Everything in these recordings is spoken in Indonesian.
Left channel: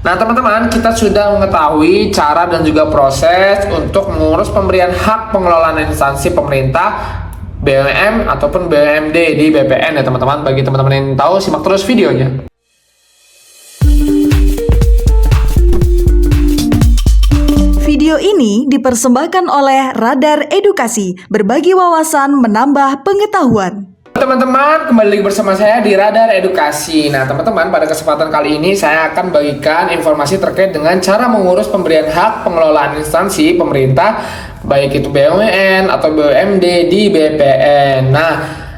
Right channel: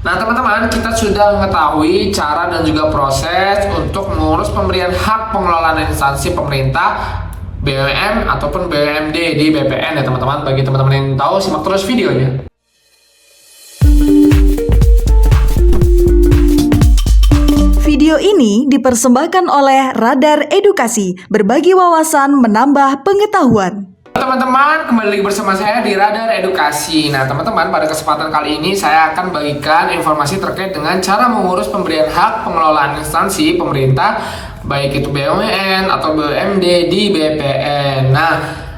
Nah teman-teman, kita sudah mengetahui cara dan juga proses untuk mengurus pemberian hak pengelolaan instansi pemerintah BUMN ataupun BUMD di BPN ya teman-teman. Bagi teman-teman yang tahu, simak terus videonya. Video ini dipersembahkan oleh Radar Edukasi, berbagi wawasan menambah pengetahuan. Teman-teman, kembali lagi bersama saya di Radar Edukasi. Nah teman-teman, pada kesempatan kali ini saya akan bagikan informasi terkait dengan cara mengurus pemberian hak pengelolaan instansi pemerintah, baik itu BUMN atau BUMD di BPN. Nah,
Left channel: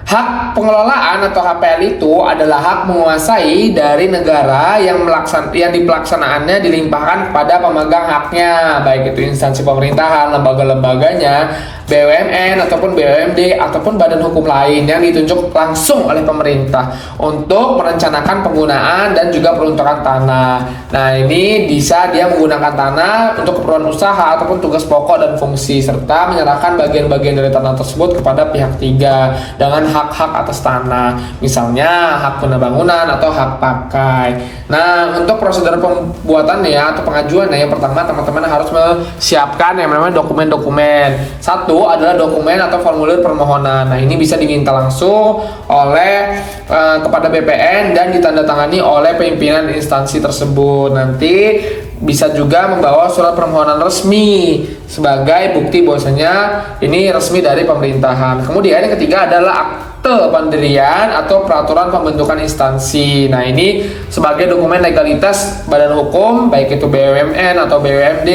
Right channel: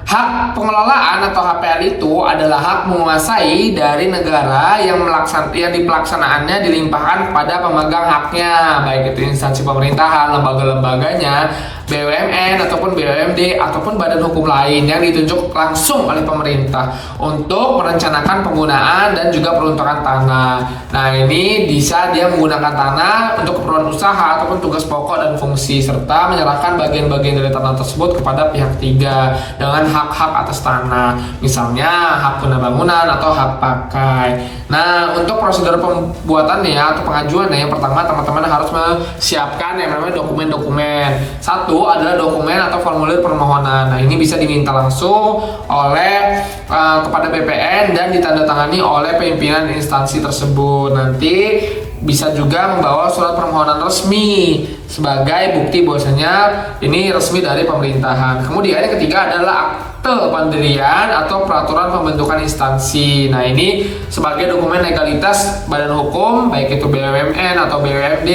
hak pengelolaan atau HPL itu adalah hak menguasai dari negara yang dipelaksanaannya dilimpahkan kepada pemegang haknya, baik itu instansi pemerintahan, lembaga-lembaganya, BUMN ataupun BUMD ataupun badan hukum lain yang ditunjuk langsung oleh pemerintah untuk merencanakan penggunaan dan juga peruntukan tanah. Nah, ini bisa dia menggunakan tanah untuk keperluan usaha ataupun tugas pokok dan fungsi, serta menyerahkan bagian-bagian dari tanah tersebut kepada pihak tiga dengan hak-hak atas tanah, misalnya hak guna bangunan atau hak pakai. Nah, untuk prosedur pembuatannya atau pengajuannya, yang pertama teman-teman harus menyiapkan yang namanya dokumen-dokumen. Satu adalah dokumen atau formulir permohonan. Nah, ini bisa diminta langsung oleh kepada BPN dan ditandatangani oleh pimpinan instansi tersebut. Nanti bisa juga membawa surat permohonan resmi sebagai bukti bahwasanya ini resmi dari pemerintahan. Kemudian yang ketiga adalah akte pendirian atau peraturan pembentukan instansi. Nah, ini sebagai dokumen legalitas badan hukum, baik itu BUMN atau BUMD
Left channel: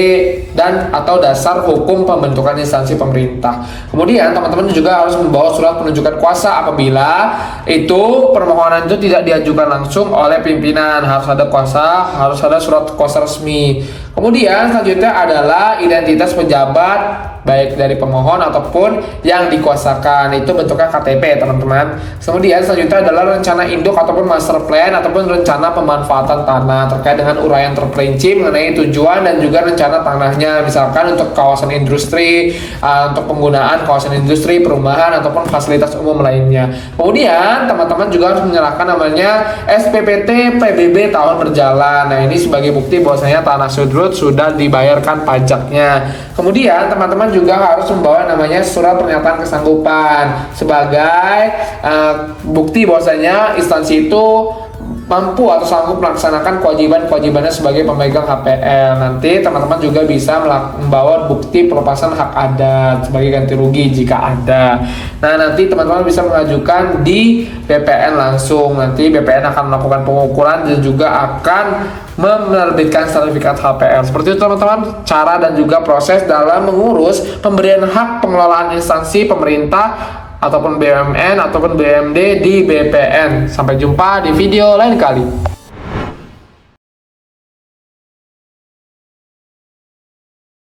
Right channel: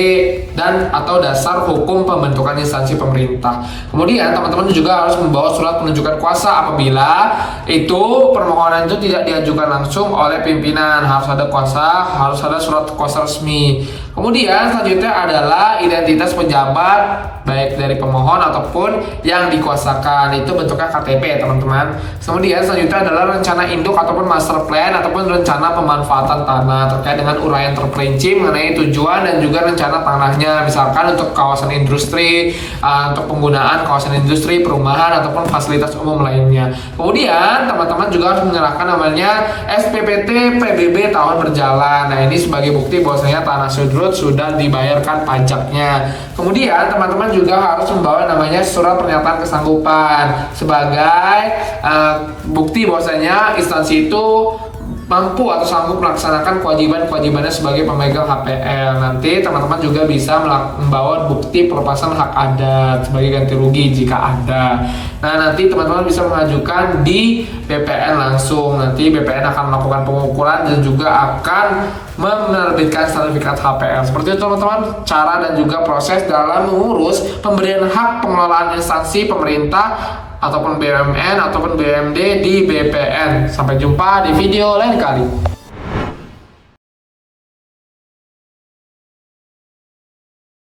dan atau dasar hukum pembentukan instansi pemerintah. Kemudian teman-teman juga harus membawa surat penunjukan kuasa apabila itu permohonan itu tidak diajukan langsung oleh pimpinan. Harus ada kuasa, harus ada surat kuasa resmi. Kemudian selanjutnya adalah identitas pejabat baik dari pemohon ataupun yang dikuasakan, itu bentuknya KTP teman-teman. Kemudian selanjutnya adalah rencana induk ataupun master plan ataupun rencana pemanfaatan tanah terkait dengan uraian terperinci mengenai tujuan dan juga rencana tanahnya, misalkan untuk kawasan industri, untuk penggunaan kawasan industri, perumahan ataupun fasilitas umum lainnya. Kemudian teman-teman juga harus menyerahkan namanya SPPT PBB tahun berjalan. Nah, ini sebagai bukti bahwasanya tanah sudrut sudah dibayarkan pajaknya. Kemudian teman-teman juga harus membawa namanya surat pernyataan kesanggupan sebagai bukti bahwasanya instansi itu mampu atau sanggup melaksanakan kewajibannya sebagai pemegang HPL. Nanti teman-teman juga bisa membawa bukti pelepasan hak adat sebagai ganti rugi jika ada. Nah, nanti teman-teman bisa mengajukan di BPN langsung. Nanti BPN akan melakukan pengukuran dan juga akan menerbitkan sertifikat HPL. Seperti itu teman-teman, cara dan juga proses dalam mengurus pemberian hak pengelolaan instansi pemerintah ataupun BUMN ataupun BUMD di BPN. Sampai jumpa di video lain kali.